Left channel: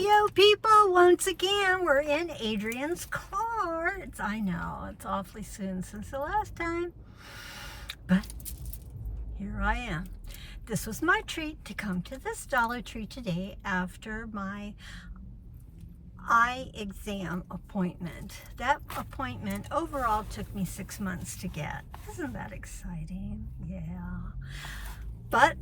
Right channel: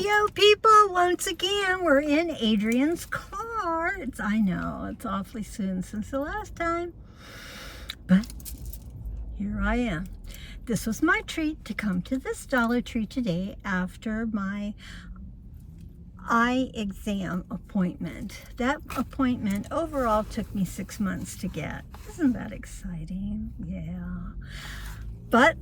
Yo, people, once again, we're in Adrian's car. I know, it's awfully soon since the last time, but here I am. This was my treat to come to this Dollar Tree today after my eye exam appointment. That appointment overall took me 6 months to get. Isn't that exciting? Yeah. But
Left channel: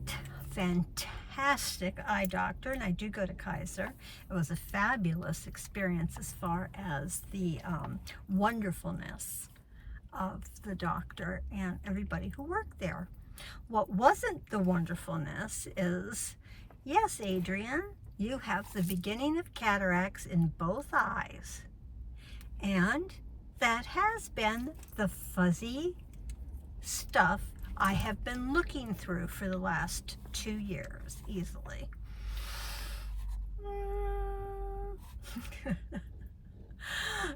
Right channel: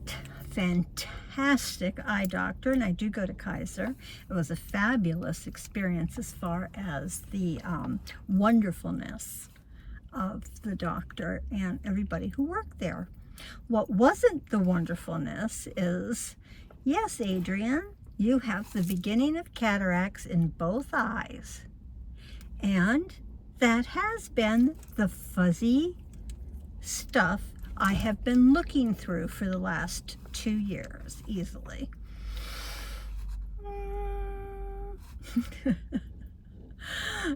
fantastic eye doctor, and I do go to Kaiser. It was a fabulous experience as far as the wonderfulness of the doctor and everybody who worked there. What wasn't the wonderfulness is, yes, Adrian, you have the beginning of cataracts in both eyes, and that has been the fuzzy stuff I have been looking through for the last 2 years, easily.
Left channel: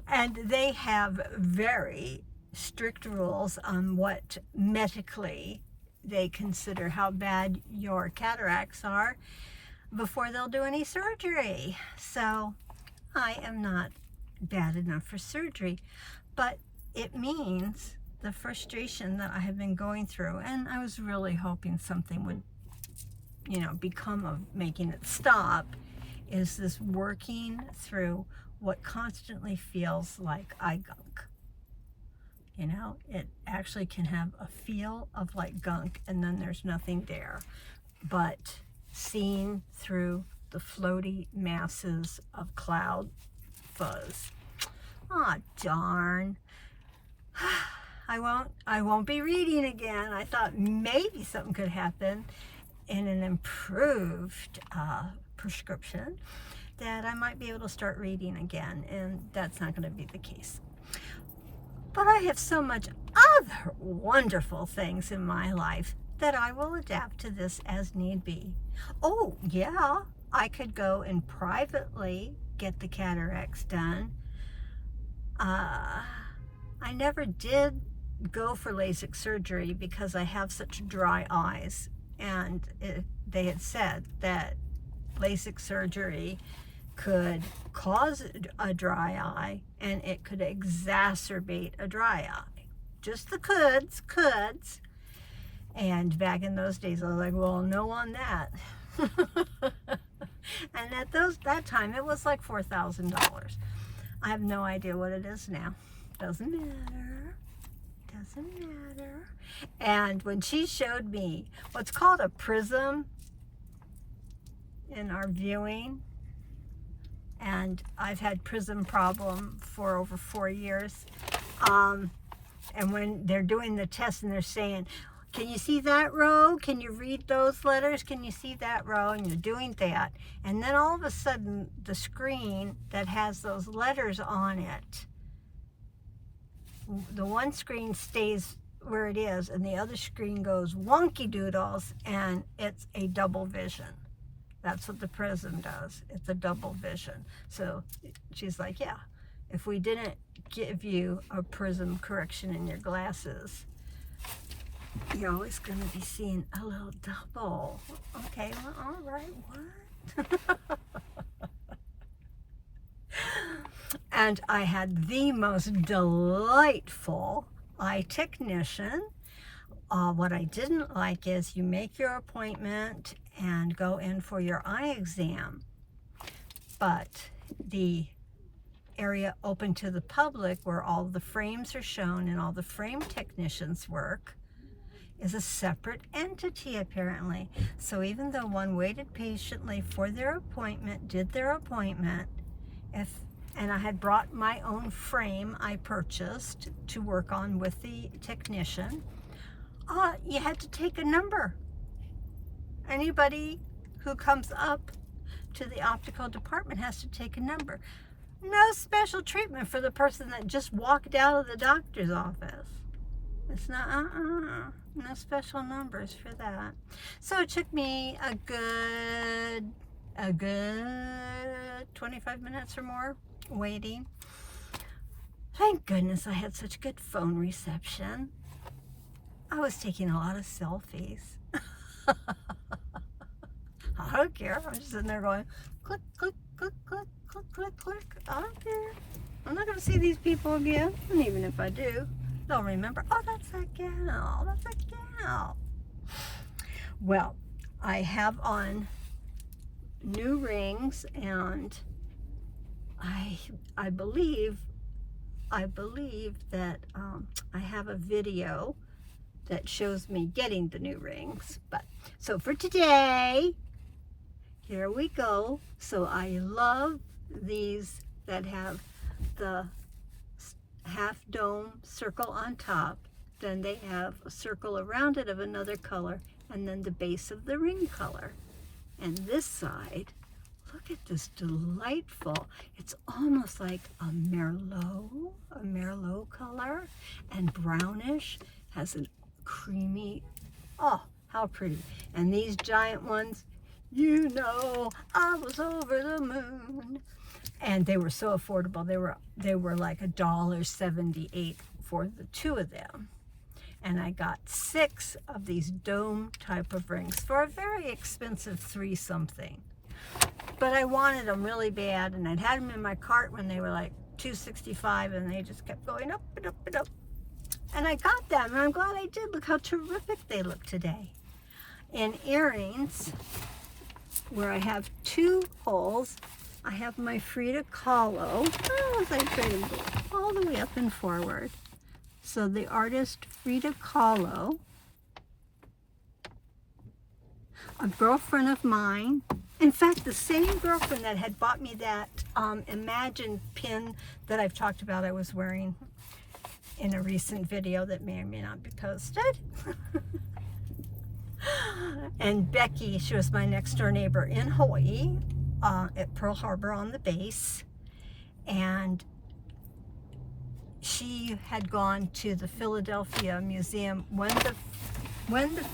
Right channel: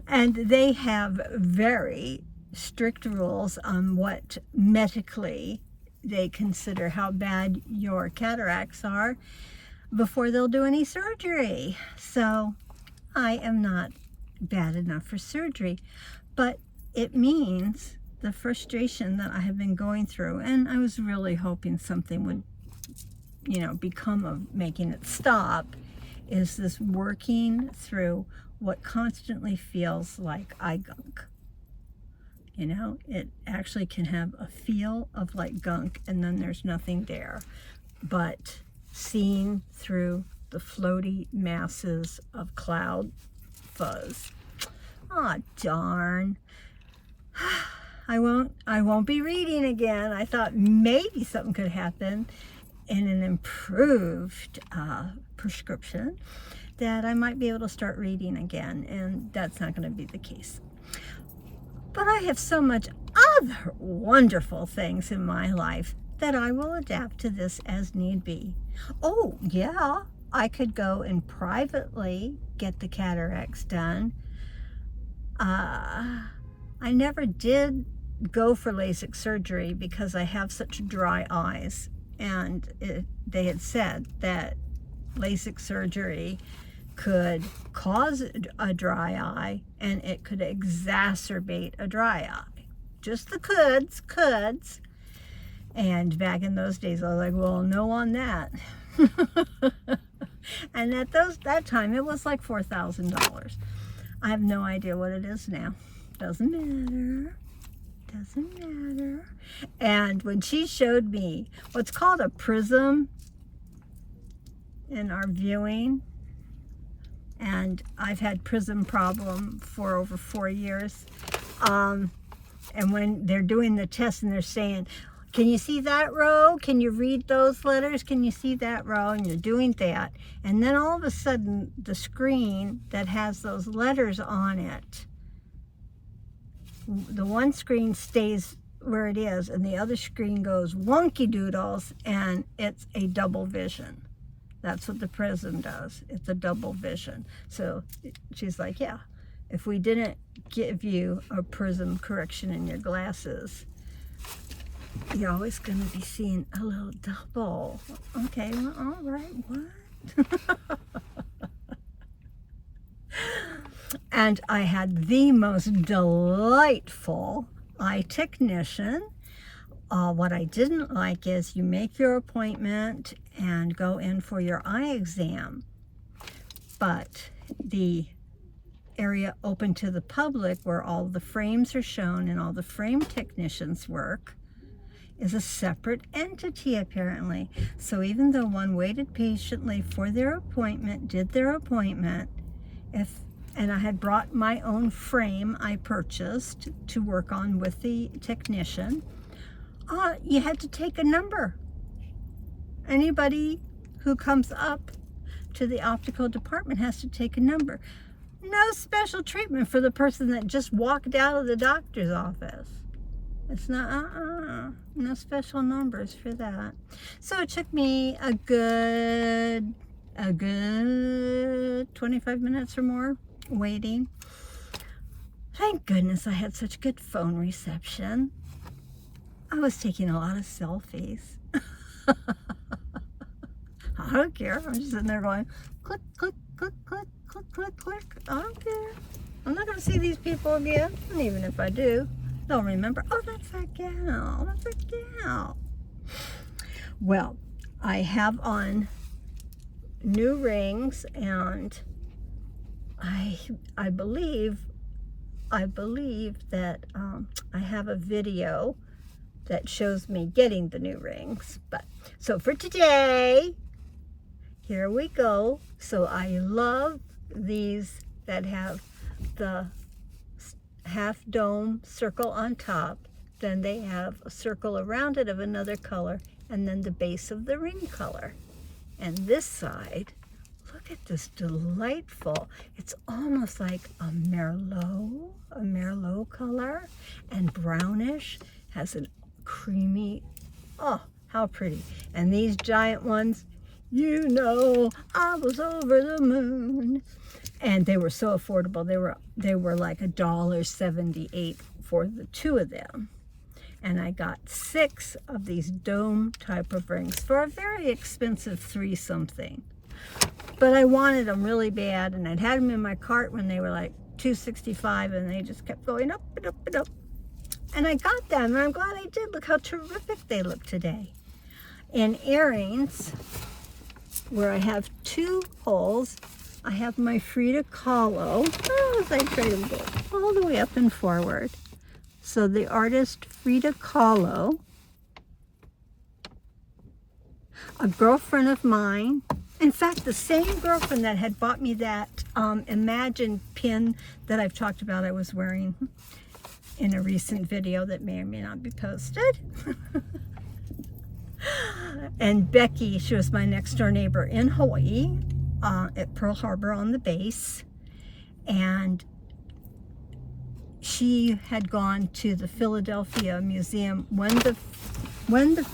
And they have very strict rules on what medically they consider how bad your cataracts are before they'll do any surgery. So I am not bad enough for surgery, but it means the frustration that I have been going through, and I was really hoping something would, become of making it stop, is this working through what constantly feels like eye gunk. It actually can have a feel of like gunk, and then there's nothing there, but seeing through the floaty masses of cloud fuzz. Aw, darn. I won't be reading again. I thought maybe something could happen in an improved prescription, that I might be able to start reading again, and that's not going to be the case. But I have so much other wonderful things in my life that I will adapt to this as need be. Oh, yeah, I could go and privately get the cataracts done. I never did go for LASIK surgery because I have such dry eyes, and they had said that LASIK surgery could cause a dry eye, and it could exacerbate a dry eye. Just the coulds. And back in those days, I was like, well, no on that. And at that time, it was like $4,000. I have no idea what it is now. Doesn't matter. And when she showed me what's called a prism in our viewing, and I've had prism problem for over 4 years, and when they're doing the test and they're saying, can you see that row? Can you read those letters? Can you see that row? And you're doing that, and then all of a sudden the screen that has those letters on it, the one screen stays where it is, and the other screen goes wonky doodles, and it's a double vision. That's what the prism does. It's a double vision. So she's like, yeah, if we didn't give you a prism correction in your glasses, you're always going to be seeing a little double. Okay, well, all right, what? And I had the most delightful eye technician. What I didn't like is you make your appointment and go in for your eye exam, but the area open to the public where all the frames are shown and all the frame technicians work is a separate entity, apparently. So even though one waited patiently for their appointment, did their appointment, and I had brought my own frame I purchased to work on with the technician, you had to take a number. Anybody who comes up to the optical department has to take a number. No special treatment for the person that just walked out of the doctor's office. It's not, no special numbers for that. So it took me a good 25 minutes or more waiting. Thank goodness I had such good phone reception. I was taking a lot of selfies. I don't care. I'm just sitting there going, click, click, click, click, click, click, click. I don't care. I'm not going to see these people again. And even if I do, they'll remember, oh, that's that gal. That's that gal. Well, I have on new rings, and I believe that I have a video that shows me getting the new rings. But so for today, here we go. So I love these that have the half dome circle on top. Then they have a circle around it of another color, and then the base of the ring color. And this side, look at this delightful, it's almost like a merlot color, and brownish, has a creamy, oh, how pretty. And these giant ones, you know, I was over the moon. And they were so affordable. They were like $1.78 for the two of them. And I got 6 of these dome type of rings for a very expensive 3-something. But I wanted them really bad, and I'd had them in my cart when they were like $2.65, and they just kept going up and up and up. And I got them, and I'm glad I did. Look how terrific they look today. In earrings, where I have 2 holes, I have my Frida Kahlo. Oh, as I try to go all the way up and forward. So the artist Frida Kahlo, a girlfriend of mine, in fact, the same girlfriend that had bought me that Imagine pin that I've talked about I was wearing in a recent video that may or may not be posted. And Becky, she was my next door neighbor in Hawaii at Pearl Harbor on the base. And she had gone to the Philadelphia Museum when the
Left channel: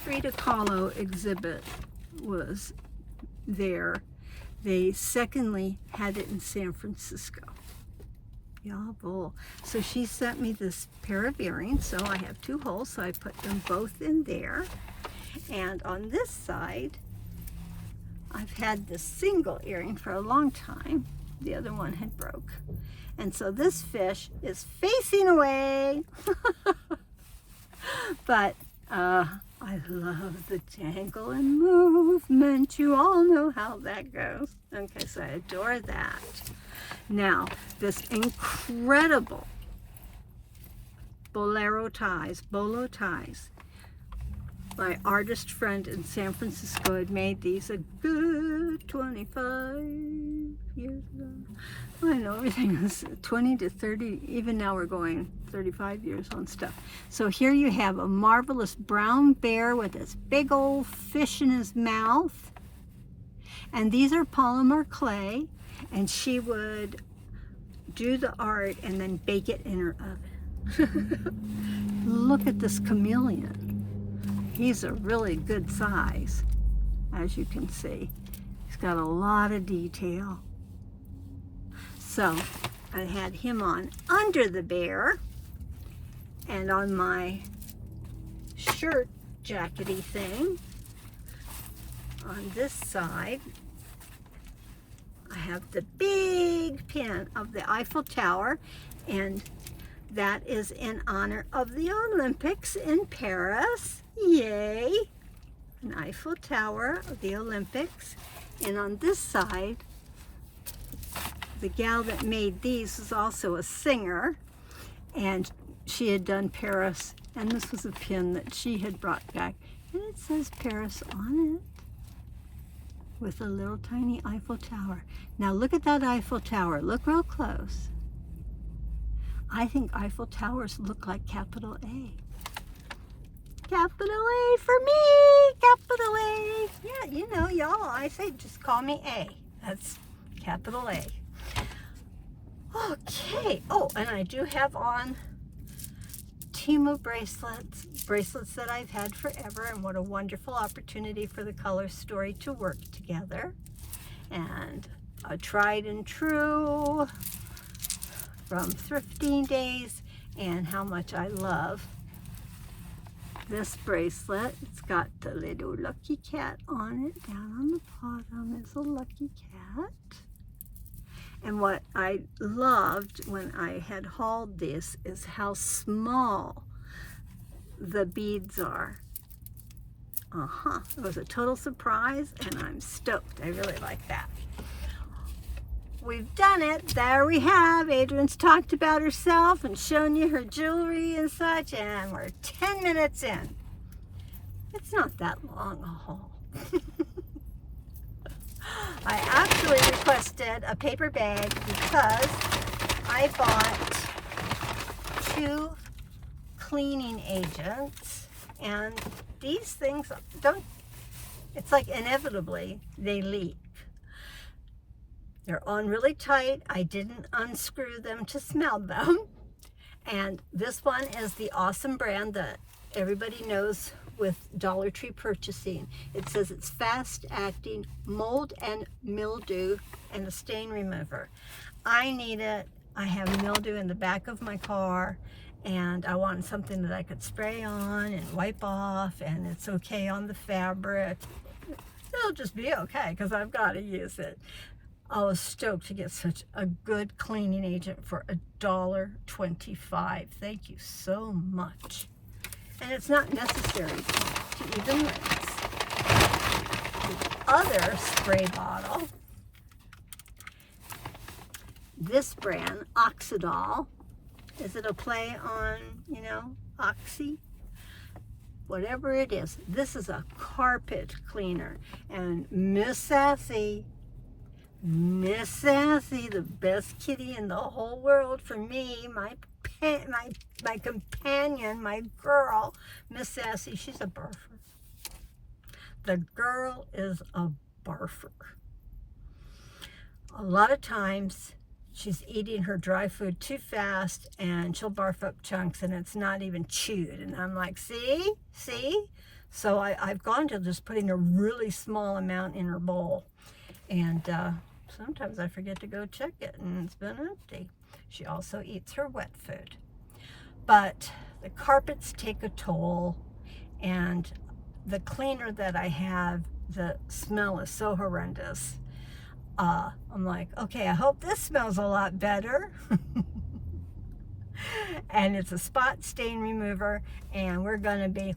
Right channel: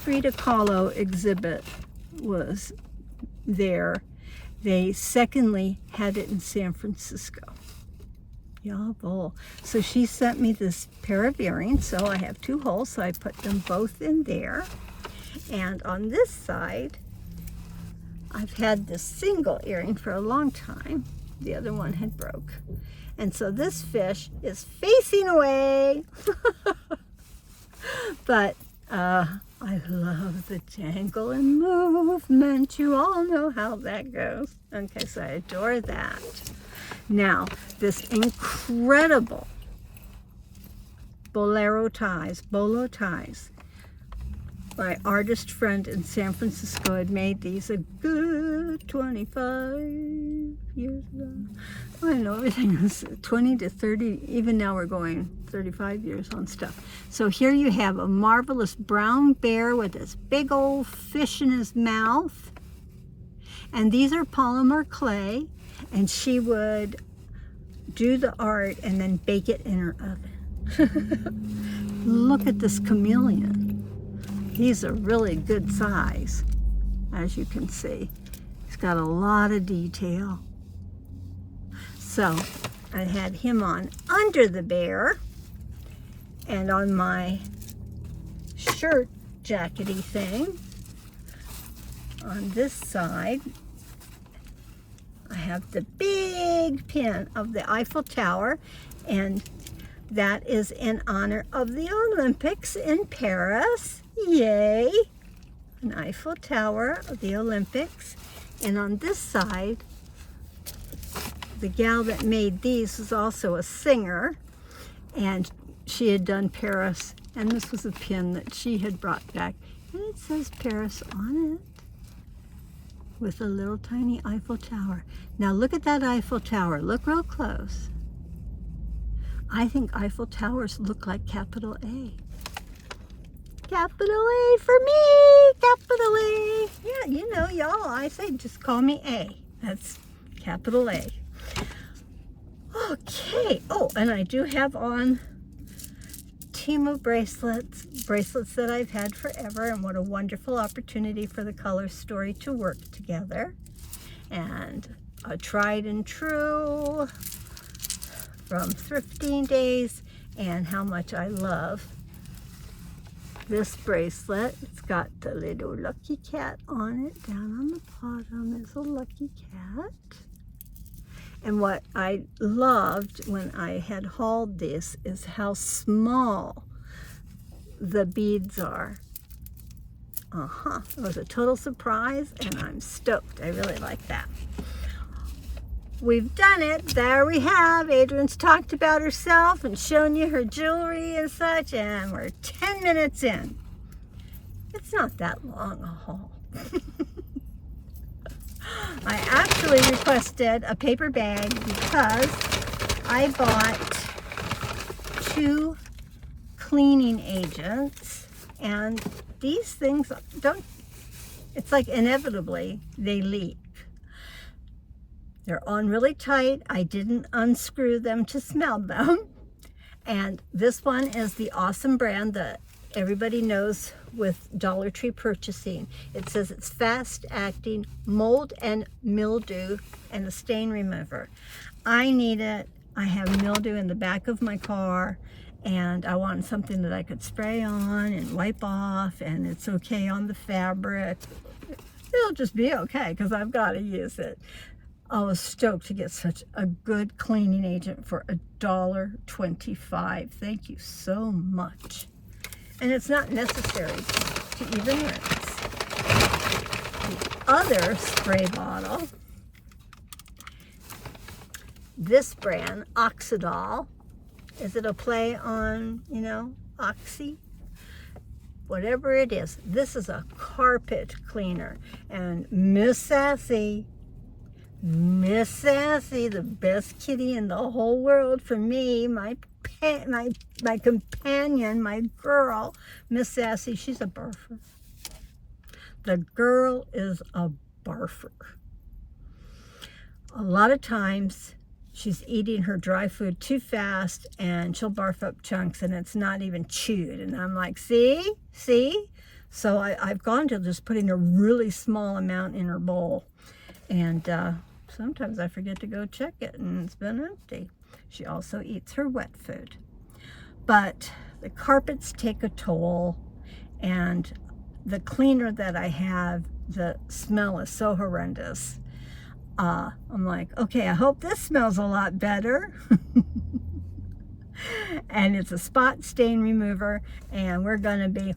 Frida Kahlo exhibit was there. They secondly had it in San Francisco. Jawohl. So she sent me this pair of earrings. So I have 2 holes, so I put them both in there. And on this side, I've had this single earring for a long time. The other one had broke. And so this fish is facing away. But I love the jangle and movement. You all know how that goes. Okay, so I adore that. Now, this incredible bolo ties. My artist friend in San Francisco had made these a good 25 years ago. I know everything is 20 to 30, even now we're going 35 years on stuff. So here you have a marvelous brown bear with this big old fish in his mouth. And these are polymer clay, and she would do the art and then bake it in her oven. Look at this chameleon. He's a really good size, as you can see. He's got a lot of detail. So I had him on under the bear, and on my shirt jackety thing on this side, I have the big pin of the Eiffel Tower, and that is in honor of the Olympics in Paris. Yay! An Eiffel Tower of the Olympics. And on this side, the gal that made these was also a singer, and she had done Paris, and this was a pin that she had brought back, and it says Paris on it with a little tiny Eiffel Tower. Now look at that Eiffel Tower. Look real close. I think Eiffel Towers look like capital A. Capital A for me, capital A. Yeah, you know, y'all, I say just call me A. That's capital A. Okay, oh, and I do have on Temu bracelets that I've had forever, and what a wonderful opportunity for the color story to work together. And a tried and true from thrifting days, and how much I love this bracelet. It's got the little lucky cat on it. Down on the bottom is a lucky cat. And what I loved when I had hauled this is how small the beads are. It was a total surprise, and I'm stoked. I really like that. We've done it. There we have. Adrian's talked about herself and shown you her jewelry and such, and we're 10 minutes in. It's not that long a haul. I actually requested a paper bag because I bought 2 cleaning agents, and these things don't, it's like inevitably they leak. They're on really tight. I didn't unscrew them to smell them. And this one is the awesome brand that everybody knows with Dollar Tree purchasing. It says it's fast acting mold and mildew and a stain remover. I need it. I have mildew in the back of my car, and I want something that I could spray on and wipe off, and it's okay on the fabric. It'll just be okay because I've got to use it. I was stoked to get such a good cleaning agent for $1.25. Thank you so much. And it's not necessary to even rinse. The other spray bottle, this brand, Oxidol. Is it a play on, you know, oxy? Whatever it is. This is a carpet cleaner. And Miss Sassy, the best kitty in the whole world for me, my companion, my girl, Miss Sassy, she's a barfer. The girl is a barfer. A lot of times she's eating her dry food too fast and she'll barf up chunks and it's not even chewed. And I'm like, see? So I've gone to just putting a really small amount in her bowl. And sometimes I forget to go check it and it's been empty. She also eats her wet food. But the carpets take a toll, and the cleaner that I have, the smell is so horrendous. I'm like, okay, I hope this smells a lot better. And it's a spot stain remover, and we're gonna be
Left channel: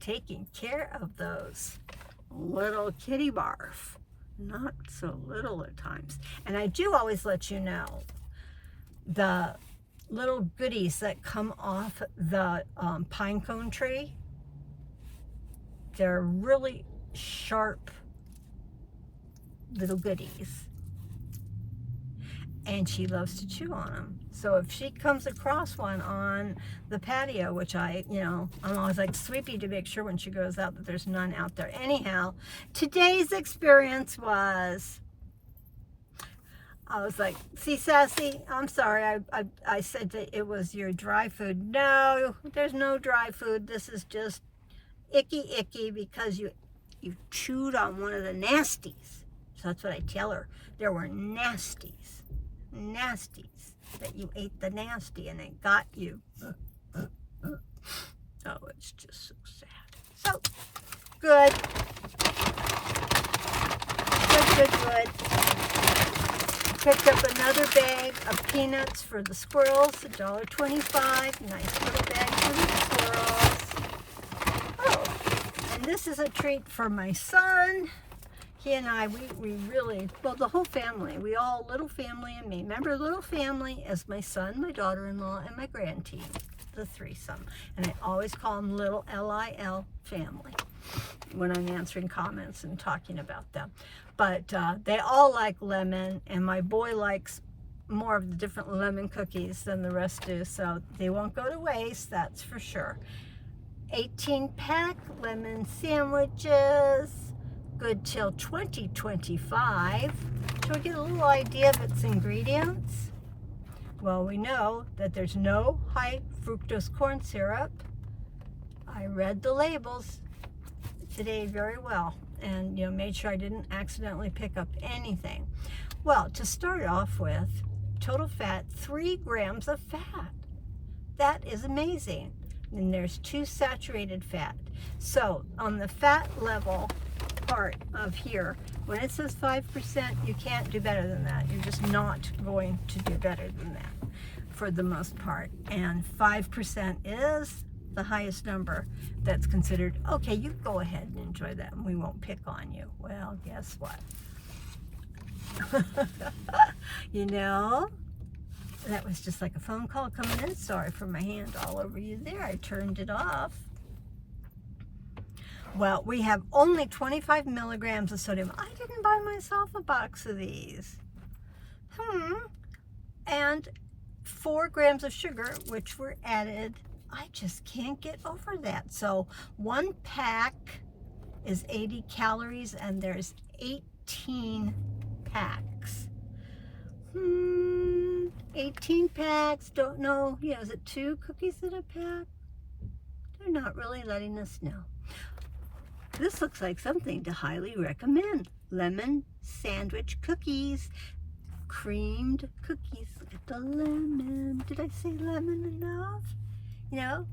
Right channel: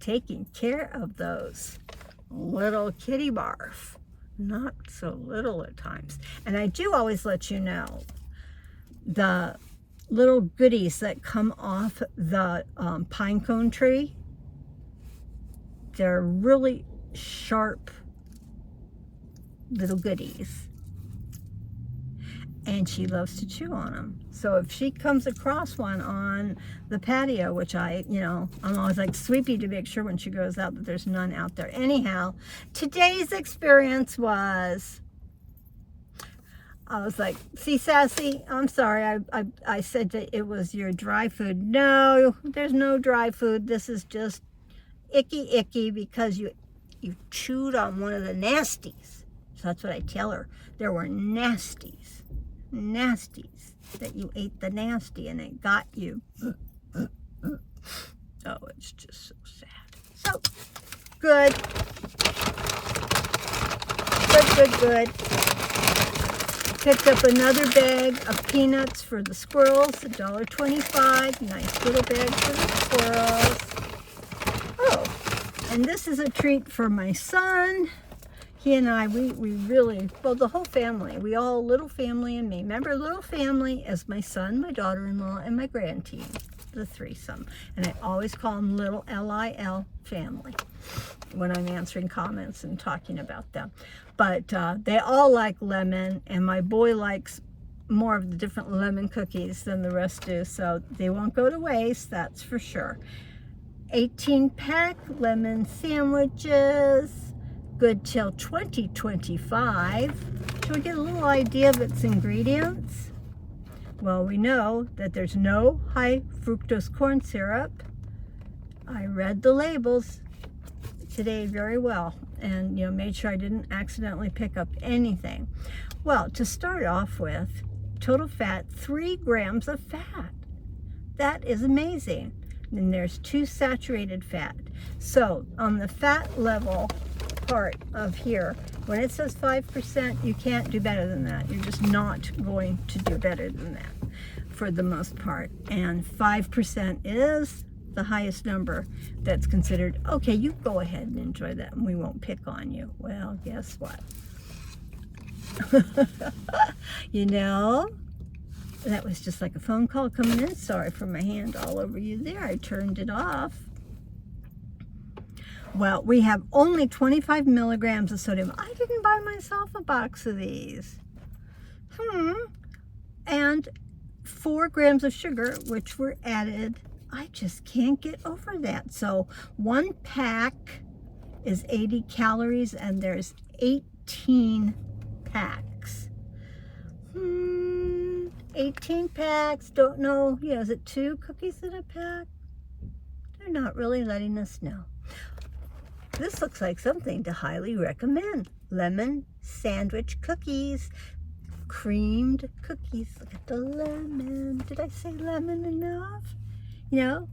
taking care of those little kitty barf. Not so little at times. And I do always let you know the little goodies that come off the pine cone tree. They're really sharp little goodies. And she loves to chew on them. So if she comes across one on the patio, which I'm always like sweepy to make sure when she goes out that there's none out there. Anyhow, today's experience was, I was like, see, Sassy, I'm sorry, I said that it was your dry food. No, there's no dry food. This is just icky because you chewed on one of the nasties. So that's what I tell her. There were nasties, that you ate the nasty and it got you. Oh, it's just so sad. So, good. Picked up another bag of peanuts for the squirrels, $1.25. Nice little bag for the squirrels. Oh, and this is a treat for my son. He and I, we really, well, the whole family, we all, little family and me. Remember, little family is my son, my daughter-in-law, and my grandteen, the threesome. And I always call them little L-I-L family when I'm answering comments and talking about them. But they all like lemon, and my boy likes more of the different lemon cookies than the rest do, so they won't go to waste, that's for sure. 18-pack lemon sandwiches, good till 2025. Shall we get a little idea of its ingredients? Well, we know that there's no high fructose corn syrup. I read the labels today very well and made sure I didn't accidentally pick up anything. Well, to start off with, total fat, 3 grams of fat. That is amazing. And there's 2 saturated fat. So on the fat level, part of here. When it says 5%, you can't do better than that. You're just not going to do better than that for the most part. And 5% is the highest number that's considered, okay, you go ahead and enjoy that and we won't pick on you. Well, guess what? You know, that was just like a phone call coming in. Sorry for my hand all over you there. I turned it off. Well, we have only 25 milligrams of sodium. I didn't buy myself a box of these. And 4 grams of sugar, which were added. I just can't get over that. So 1 pack is 80 calories and there's 18 packs. 18 packs, don't know, yeah, is it 2 cookies in a pack? They're not really letting us know. This looks like something to highly recommend. Lemon sandwich cookies. Creamed cookies. Look at the lemon. Did I say lemon enough? You know,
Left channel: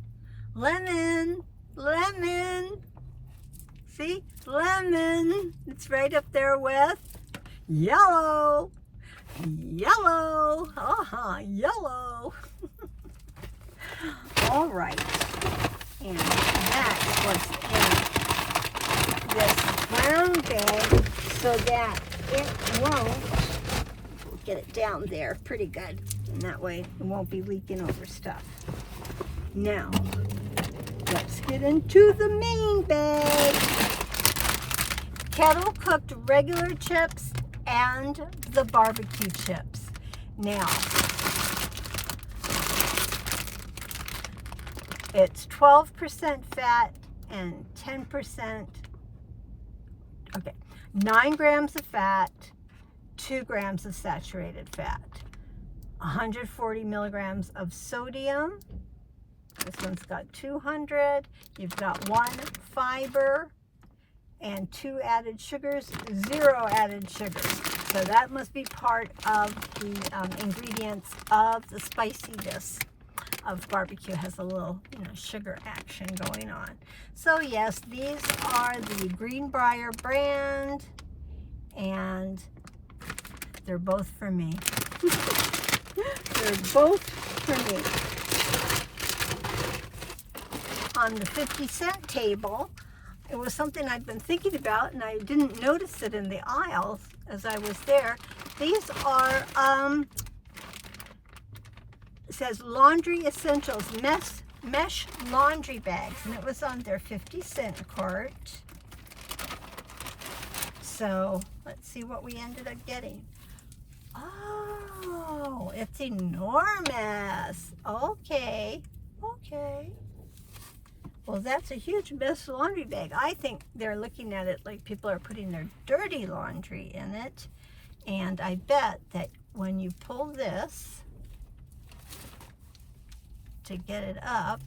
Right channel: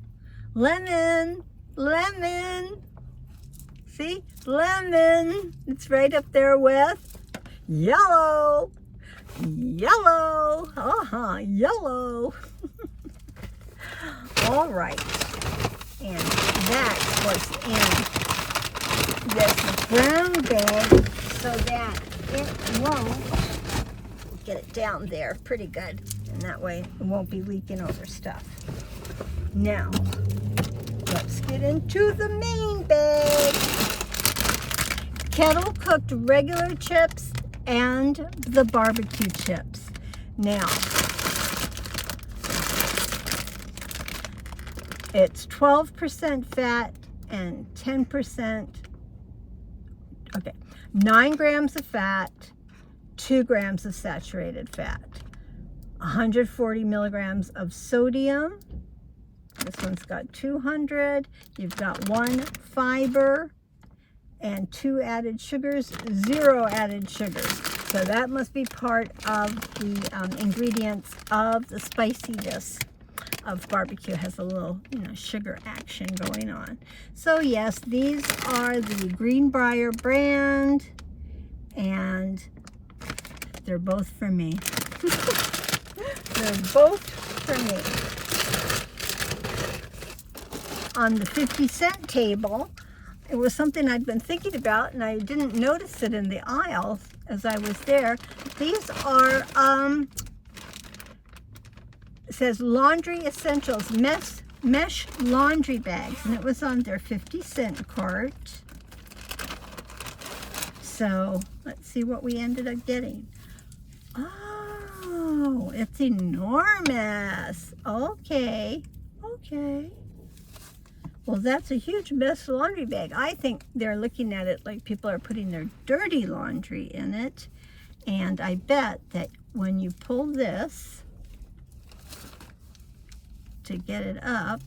lemon, lemon. See, lemon. It's right up there with yellow, yellow. Yellow. All right, and that was in this brown bag so that it won't, get it down there pretty good, and that way it won't be leaking over stuff. Now, let's get into the main bag. Kettle cooked regular chips and the barbecue chips. Now, it's 12% fat and 10%, okay, 9 grams of fat, 2 grams of saturated fat, 140 milligrams of sodium. This one's got 200. You've got 1 fiber and 2 added sugars, 0 added sugars. So that must be part of the ingredients of the spiciness of barbecue. Has a little, sugar action going on. So yes, these are the Greenbrier brand, and they're both for me. They're both for me. On the 50-cent table, it was something I'd been thinking about, and I didn't notice it in the aisles as I was there. These are, it says Laundry Essentials mesh laundry bags, and it was on their 50-cent cart. So let's see what we ended up getting. Oh, it's enormous. Okay. Well, that's a huge mesh laundry bag. I think they're looking at it like people are putting their dirty laundry in it. And I bet that when you pull this to get it up,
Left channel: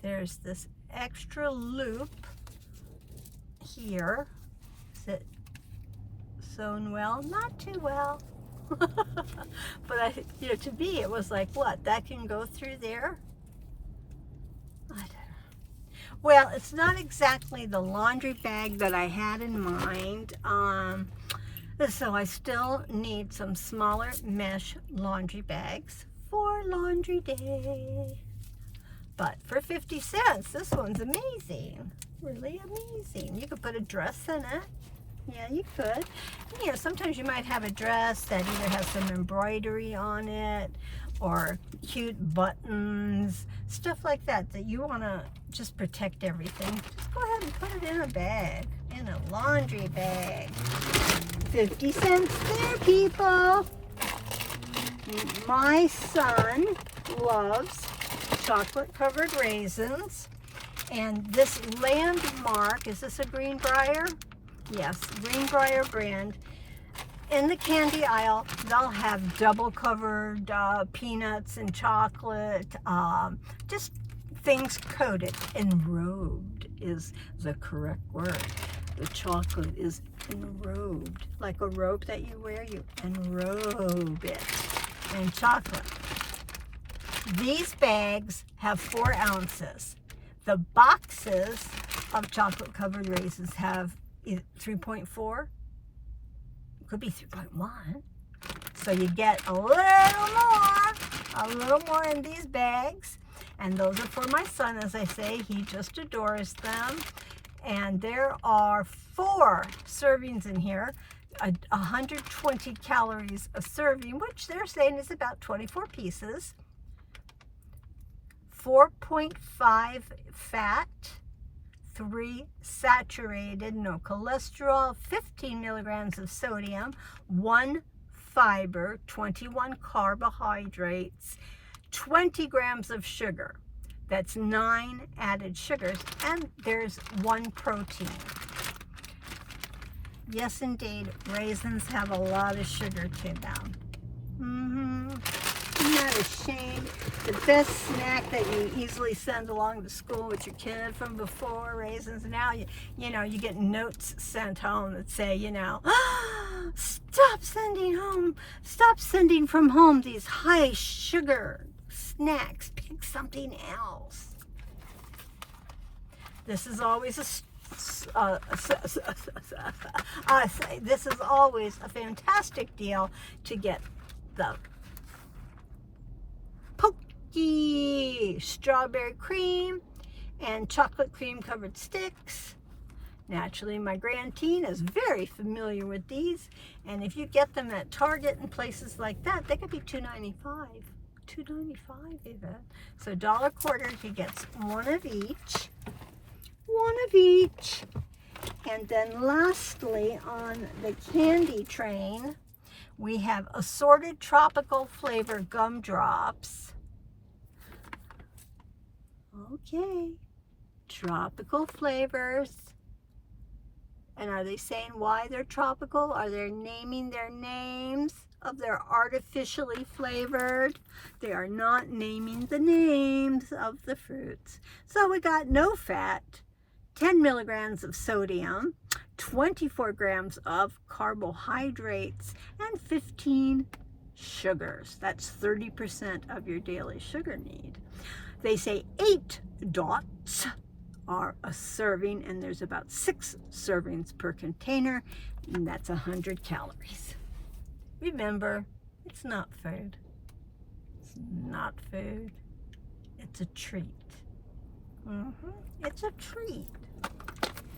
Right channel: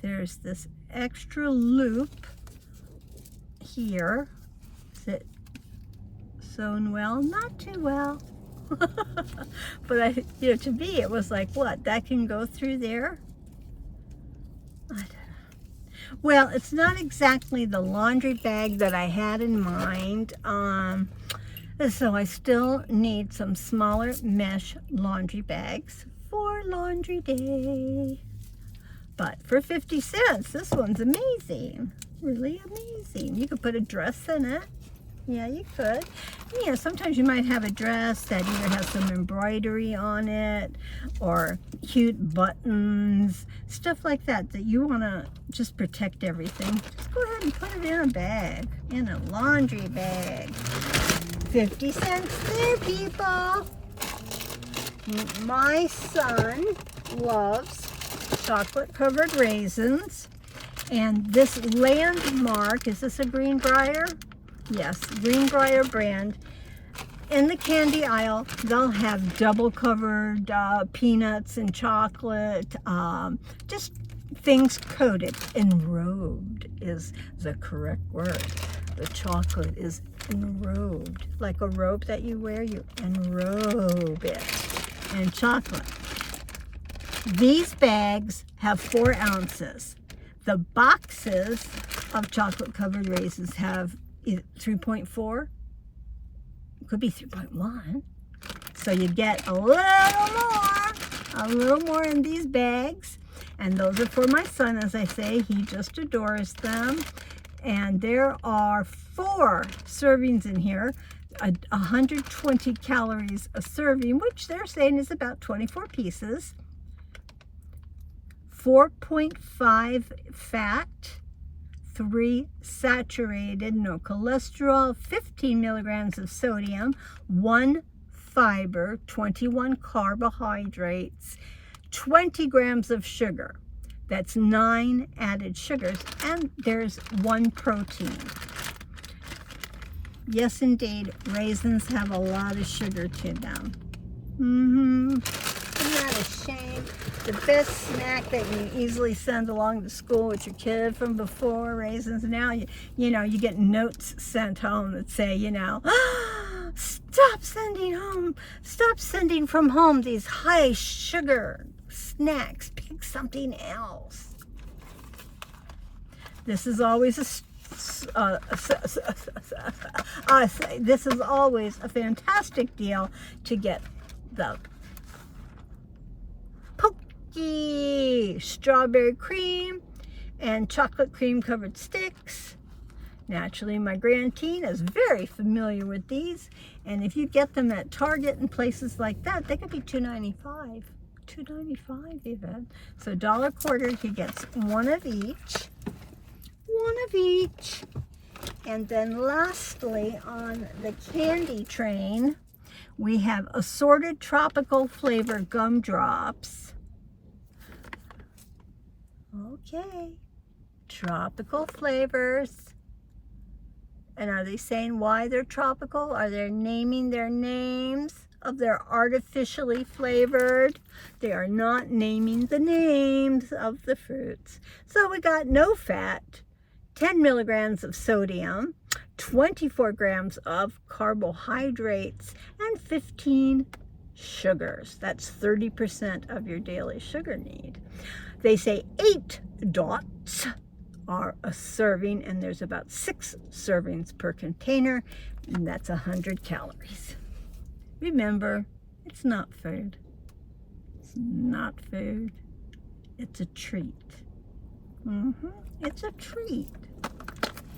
there's this extra loop here. Is it sewn well? Not too well. But to me, it was like, what? That can go through there? I don't know. Well, it's not exactly the laundry bag that I had in mind. So I still need some smaller mesh laundry bags for laundry day. But for 50 cents, this one's amazing. Really amazing. You could put a dress in it. Yeah, you could. Sometimes you might have a dress that either has some embroidery on it or cute buttons, stuff like that you want to just protect everything. Just go ahead and put it in a bag, in a laundry bag. 50 cents there, people. My son loves chocolate-covered raisins. And this Landmark, is this a Greenbrier? Yes, Greenbrier brand. In the candy aisle, they'll have double-covered peanuts and chocolate, just things coated. Enrobed is the correct word. The chocolate is enrobed. Like a robe that you wear, you enrobe it in chocolate. These bags have 4 ounces. The boxes of chocolate-covered raisins have 3.4, could be 3.1. So you get a little more in these bags. And those are for my son, as I say. He just adores them. And there are 4 servings in here, 120 calories a serving, which they're saying is about 24 pieces. 4.5 fat, 3 saturated, no cholesterol, 15 milligrams of sodium, 1 fiber, 21 carbohydrates, 20 grams of sugar. That's 9 added sugars, and there's 1 protein. Yes, indeed, raisins have a lot of sugar to them. Isn't that a shame? The best snack that you easily send along to school with your kid from before, raisins. Now, you know, you get notes sent home that say, you know, stop sending from home these high sugar snacks. Pick something else. This is always this is always a fantastic deal to get the Pokey strawberry cream and chocolate cream covered sticks. Naturally, my grandteen is very familiar with these, and if you get them at Target and places like that, they could be $2.95. $2.95 even. So $1.25, he gets 1 of each. 1 of each. And then lastly, on the candy train, we have assorted tropical flavor gumdrops. Okay, tropical flavors. And are they saying why they're tropical? Are they naming their names of their artificially flavored? They are not naming the names of the fruits. So we got no fat, 10 milligrams of sodium, 24 grams of carbohydrates, and 15 sugars. That's 30% of your daily sugar need. They say 8 dots are a serving, and there's about 6 servings per container, and that's 100 calories. Remember, it's not food. It's not food. It's a treat. It's a treat.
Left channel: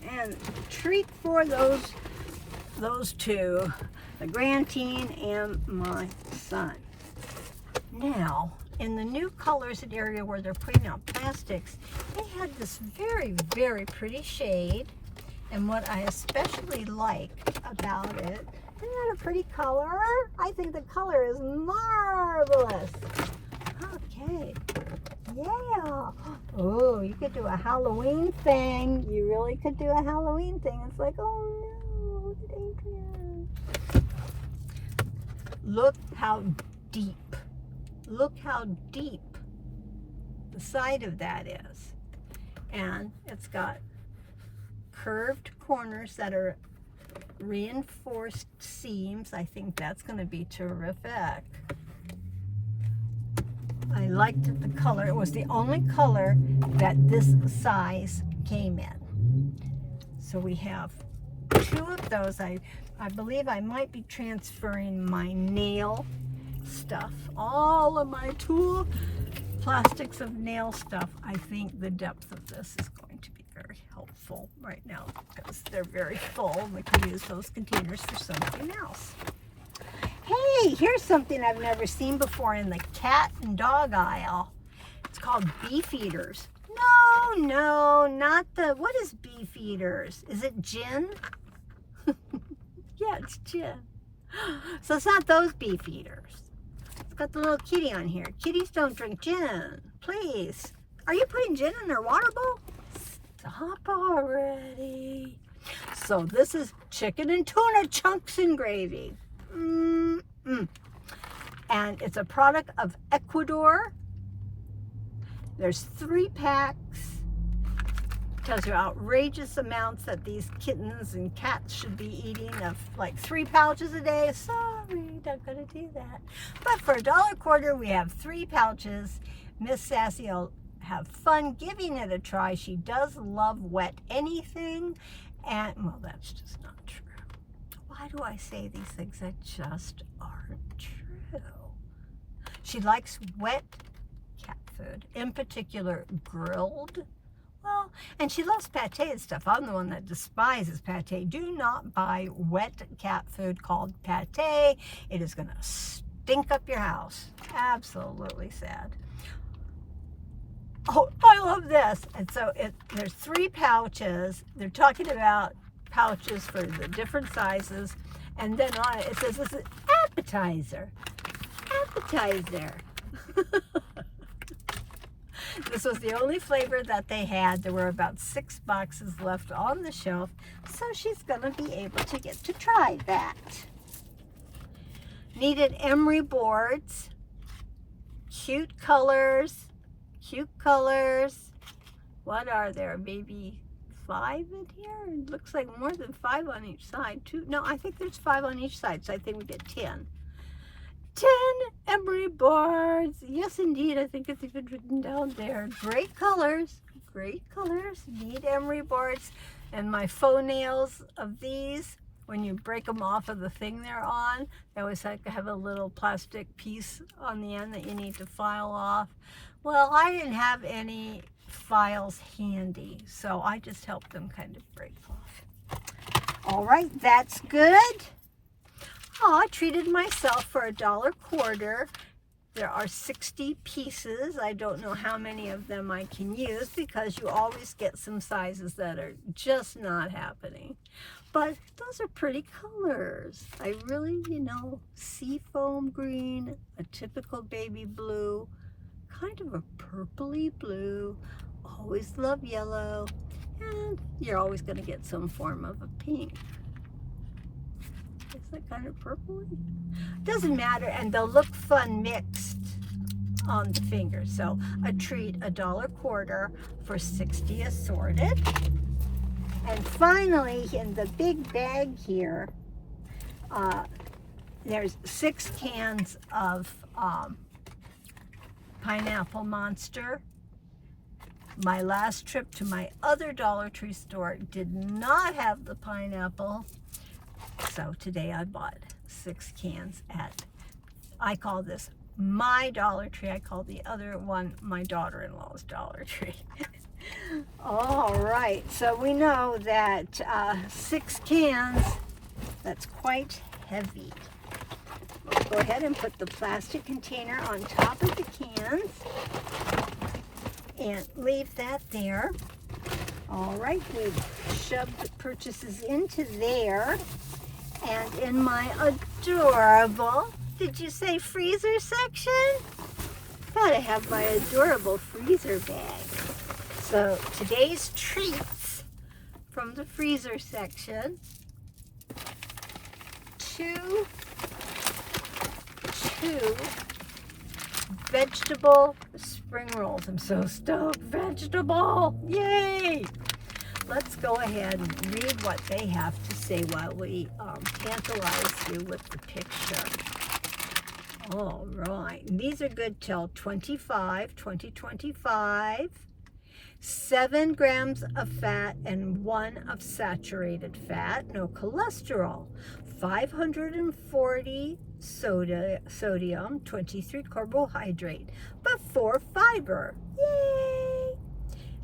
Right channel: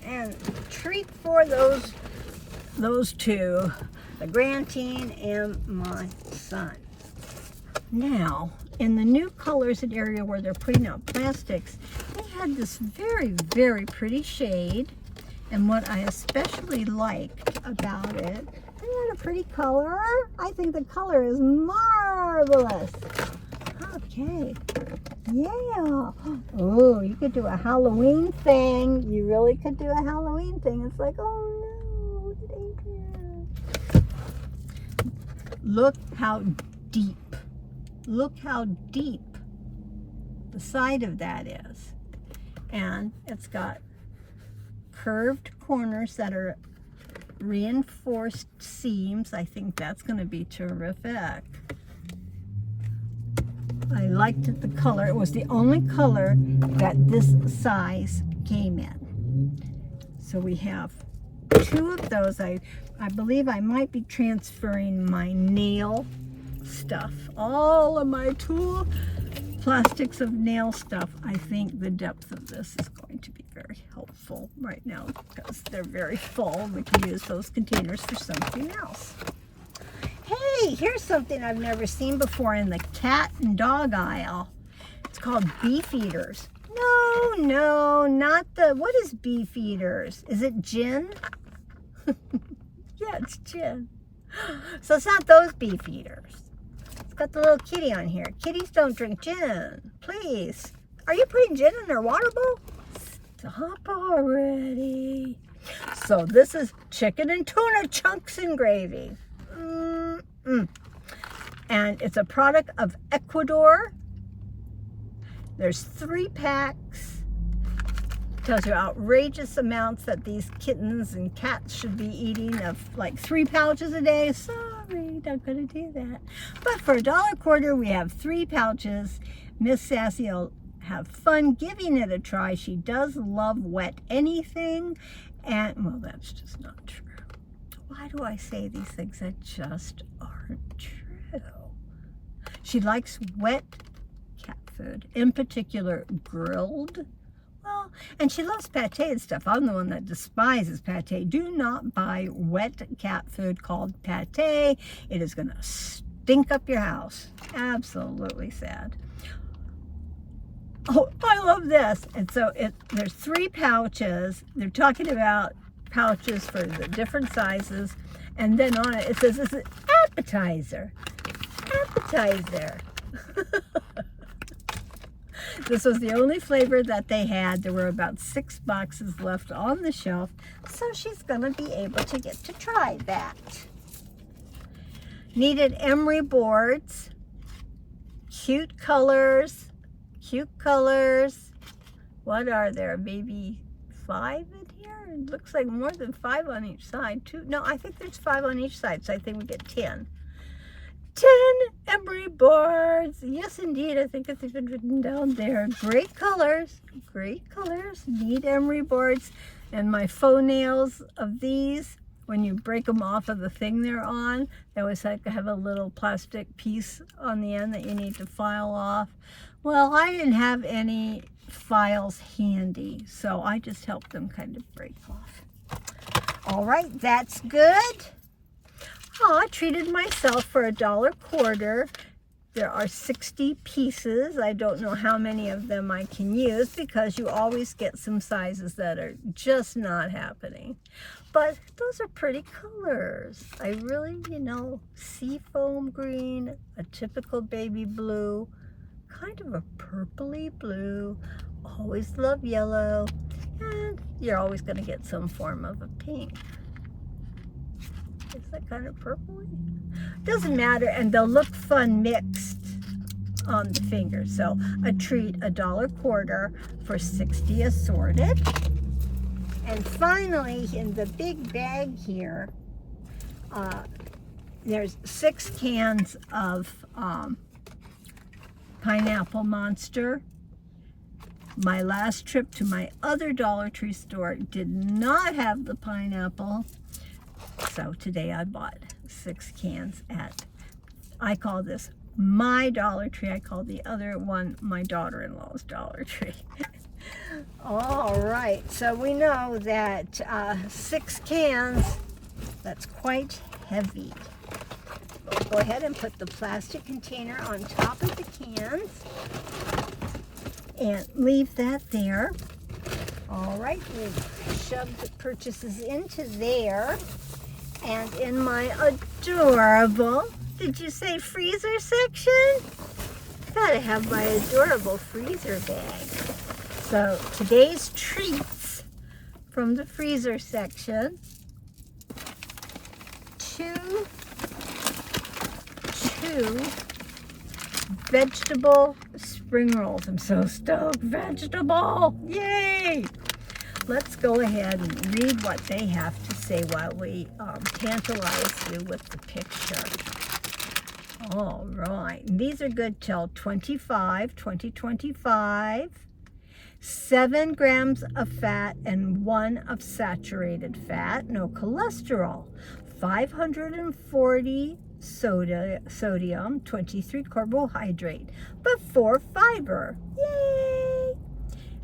And treat for those two, the grandteen and my son. Now, in the new colors and area where they're putting out plastics, they had this very, very pretty shade. And what I especially liked about it, isn't that a pretty color? I think the color is marvelous. Okay. Yeah. Oh, you could do a Halloween thing. You really could do a Halloween thing. It's like, oh no, look at Adrian. Look how deep. Look how deep the side of that is. And it's got curved corners that are reinforced seams. I think that's going to be terrific. I liked the color. It was the only color that this size came in. So we have 2 of those. I believe I might be transferring my nail stuff. All of my tool plastics of nail stuff. I think the depth of this is going to be very helpful right now because they're very full. We can use those containers for something else. Hey, here's something I've never seen before in the cat and dog aisle. It's called beef eaters. No, not the, what is beef eaters? Is it gin? Yeah, it's gin. So it's not those beef eaters. It's got the little kitty on here. Kitties don't drink gin. Please. Are you putting gin in their water bowl? Stop already. So this is chicken and tuna chunks and gravy. And it's a product of Ecuador. There's 3 packs. Tells you outrageous amounts that these kittens and cats should be eating of like 3 pouches a day. Sorry, not gonna do that. But for $1.25, we have 3 pouches. Miss Sassy will have fun giving it a try. She does love wet anything. And, well, that's just not true. Why do I say these things that just aren't true? She likes wet cat food, in particular grilled. Well, and she loves pate and stuff. I'm the one that despises pate. Do not buy wet cat food called pate. It is going to stink up your house. Absolutely sad. Oh, I love this. And so there's 3 pouches. They're talking about pouches for the different sizes. And then on it, it says this is appetizer. Appetizer. This was the only flavor that they had. There were about 6 boxes left on the shelf. So she's going to be able to get to try that. Needed emery boards. Cute colors. Cute colors. What are there? Maybe 5 in here? It looks like more than 5 on each side. 2. No, I think there's 5 on each side, so I think we get 10. 10 emery boards. Yes, indeed. I think it's even written down there. Great colors. Great colors. Need emery boards. And my faux nails of these, when you break them off of the thing they're on, they always have a little plastic piece on the end that you need to file off. Well, I didn't have any files handy, so I just helped them kind of break off. All right, that's good. Oh, I treated myself for $1.25. There are 60 pieces. I don't know how many of them I can use because you always get some sizes that are just not happening. But those are pretty colors. I really, seafoam green, a typical baby blue, kind of a purpley blue, always love yellow, and you're always going to get some form of a pink. Is that kind of purpley? Doesn't matter, and they'll look fun mixed on the fingers. So a treat, $1.25 for 60 assorted. And finally, in the big bag here, there's 6 cans of Pineapple Monster. My last trip to my other Dollar Tree store did not have the pineapple. So today I bought 6 cans at, I call this my Dollar Tree. I call the other one my daughter-in-law's Dollar Tree. All right, so we know that 6 cans, that's quite heavy. We'll go ahead and put the plastic container on top of the cans and leave that there. All right, we've shoved the purchases into there. And in my adorable, did you say freezer section? Gotta have my adorable freezer bag. So today's treats from the freezer section. 2 vegetable spring rolls. I'm so stoked. Vegetable! Yay! Let's go ahead and read what they have to say while we tantalize you with the picture. All right. These are good till 2025. 7 grams of fat and 1 of saturated fat. No cholesterol. 540 sodium, 23 carbohydrate, but 4 fiber. Yay!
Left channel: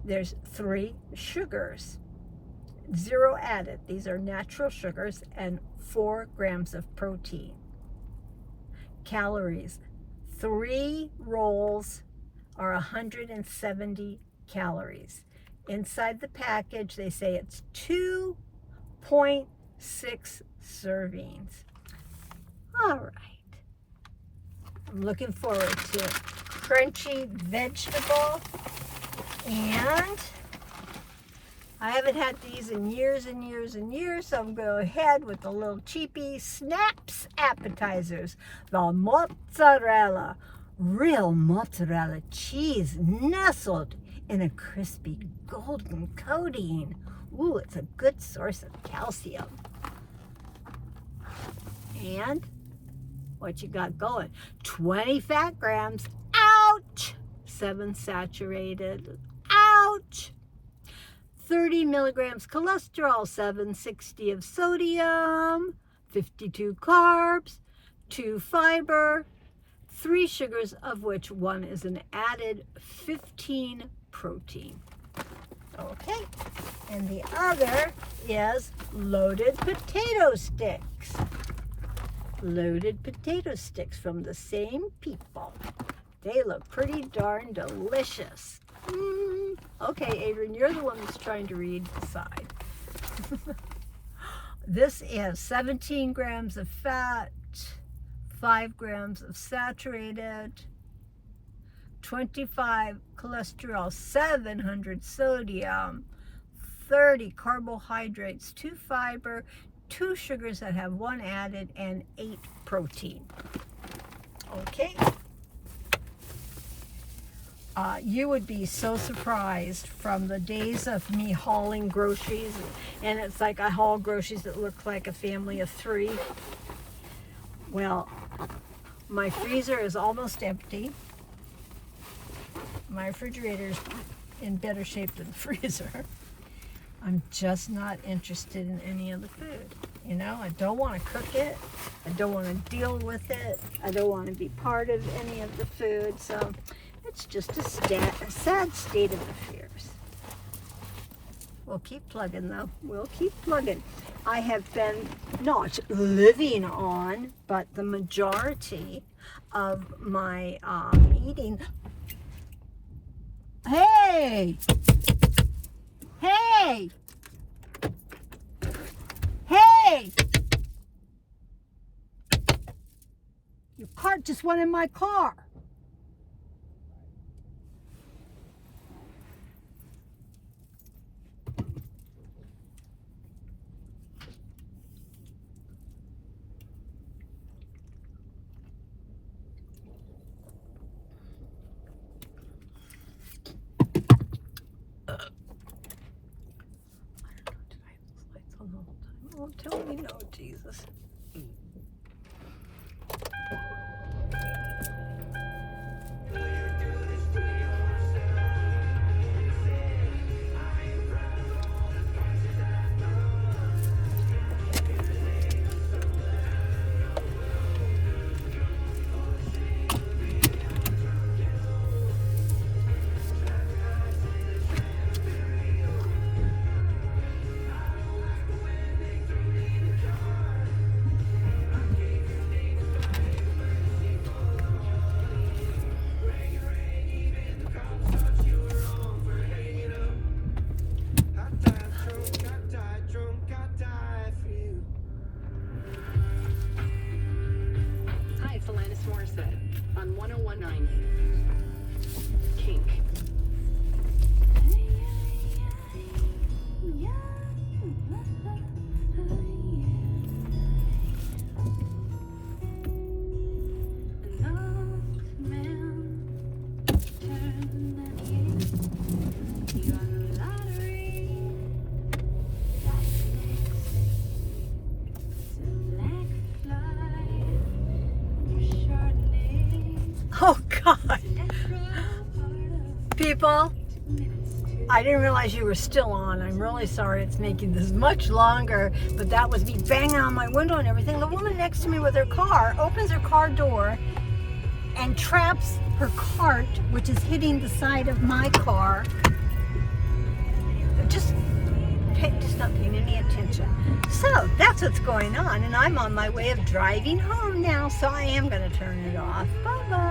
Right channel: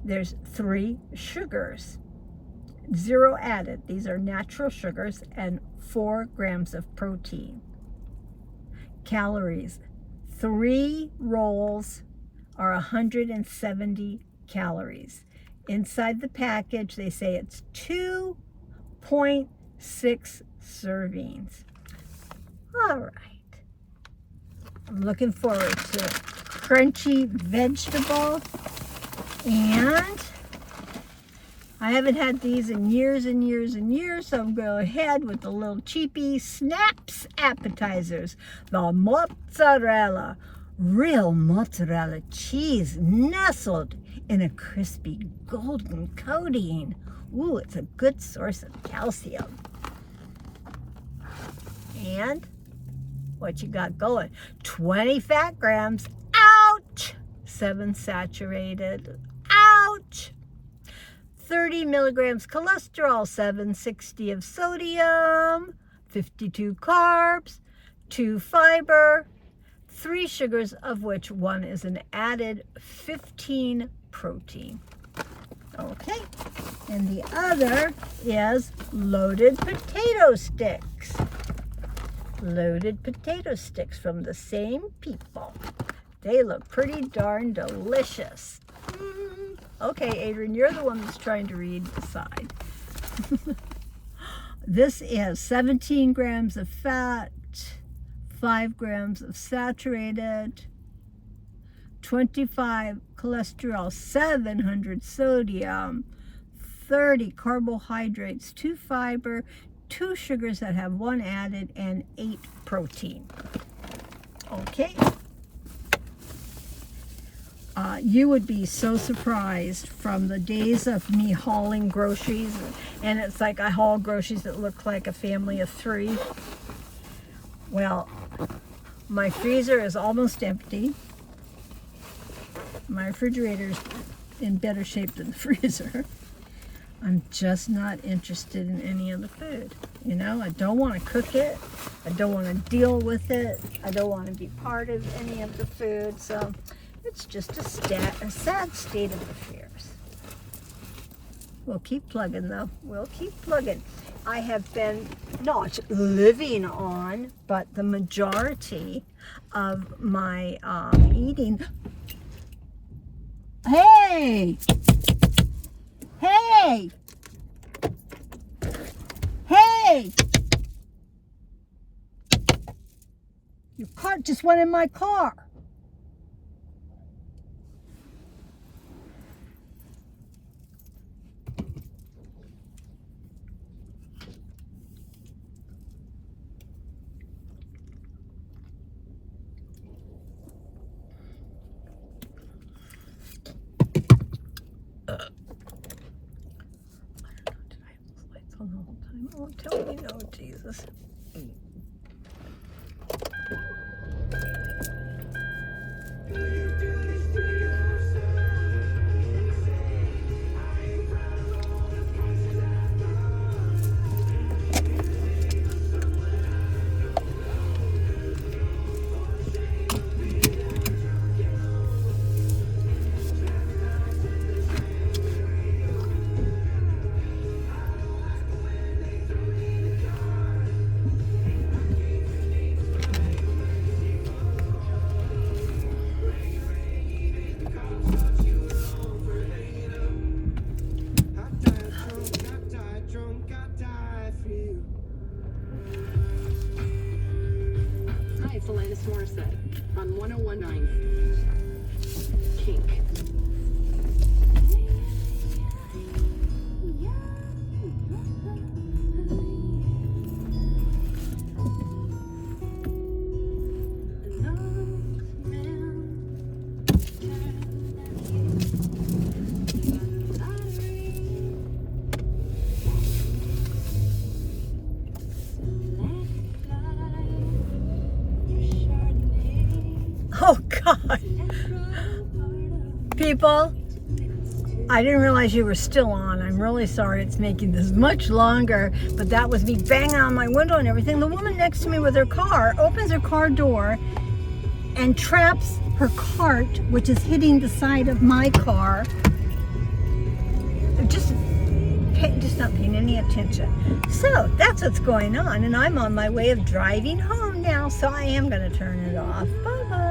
There's 3 sugars, 0 added. These are natural sugars, and 4 grams of protein. Calories, 3 rolls are 170 calories. Inside the package, they say it's 2.6 servings. All right. I'm looking forward to crunchy vegetable. And I haven't had these in years and years and years, so I'm going to go ahead with the little cheapy Snaps appetizers. The mozzarella, real mozzarella cheese nestled in a crispy golden coating. Ooh, it's a good source of calcium. And what you got going? 20 fat grams. Ouch! 7 saturated. Ouch! 30 30 milligrams cholesterol, 760 of sodium, 52 carbs, 2 fiber, 3 sugars, of which 1 is an added 15 protein. Okay, and the other is loaded potato sticks. Loaded potato sticks from the same people. They look pretty darn delicious. Okay, Adrian, you're the one that's trying to read the side. This is 17 grams of fat, 5 grams of saturated, 25 cholesterol, 700 sodium, 30 carbohydrates, 2 fiber, 2 sugars that have 1 added, and 8 protein. Okay. You would be so surprised from the days of me hauling groceries, and it's like I haul groceries that look like a family of 3. Well, my freezer is almost empty. My refrigerator's in better shape than the freezer. I'm just not interested in any of the food. You know, I don't want to cook it. I don't want to deal with it. I don't want to be part of any of the food. So it's just a sad state of affairs. We'll keep plugging though. We'll keep plugging. I have been not living on, but the majority of my eating. Hey! Hey! Hey! Your cart just went in my car. Oh, tell me no, Jesus. On 1019 Kink. Oh God. People, I didn't realize you were still on. I'm really sorry it's making this much longer, but that was me banging on my window and everything. The woman next to me with her car opens her car door and traps her cart, which is hitting the side of my car. Just not paying any attention. So that's what's going on, and I'm on my way of driving home now, so I am going to turn it off. Bye-bye.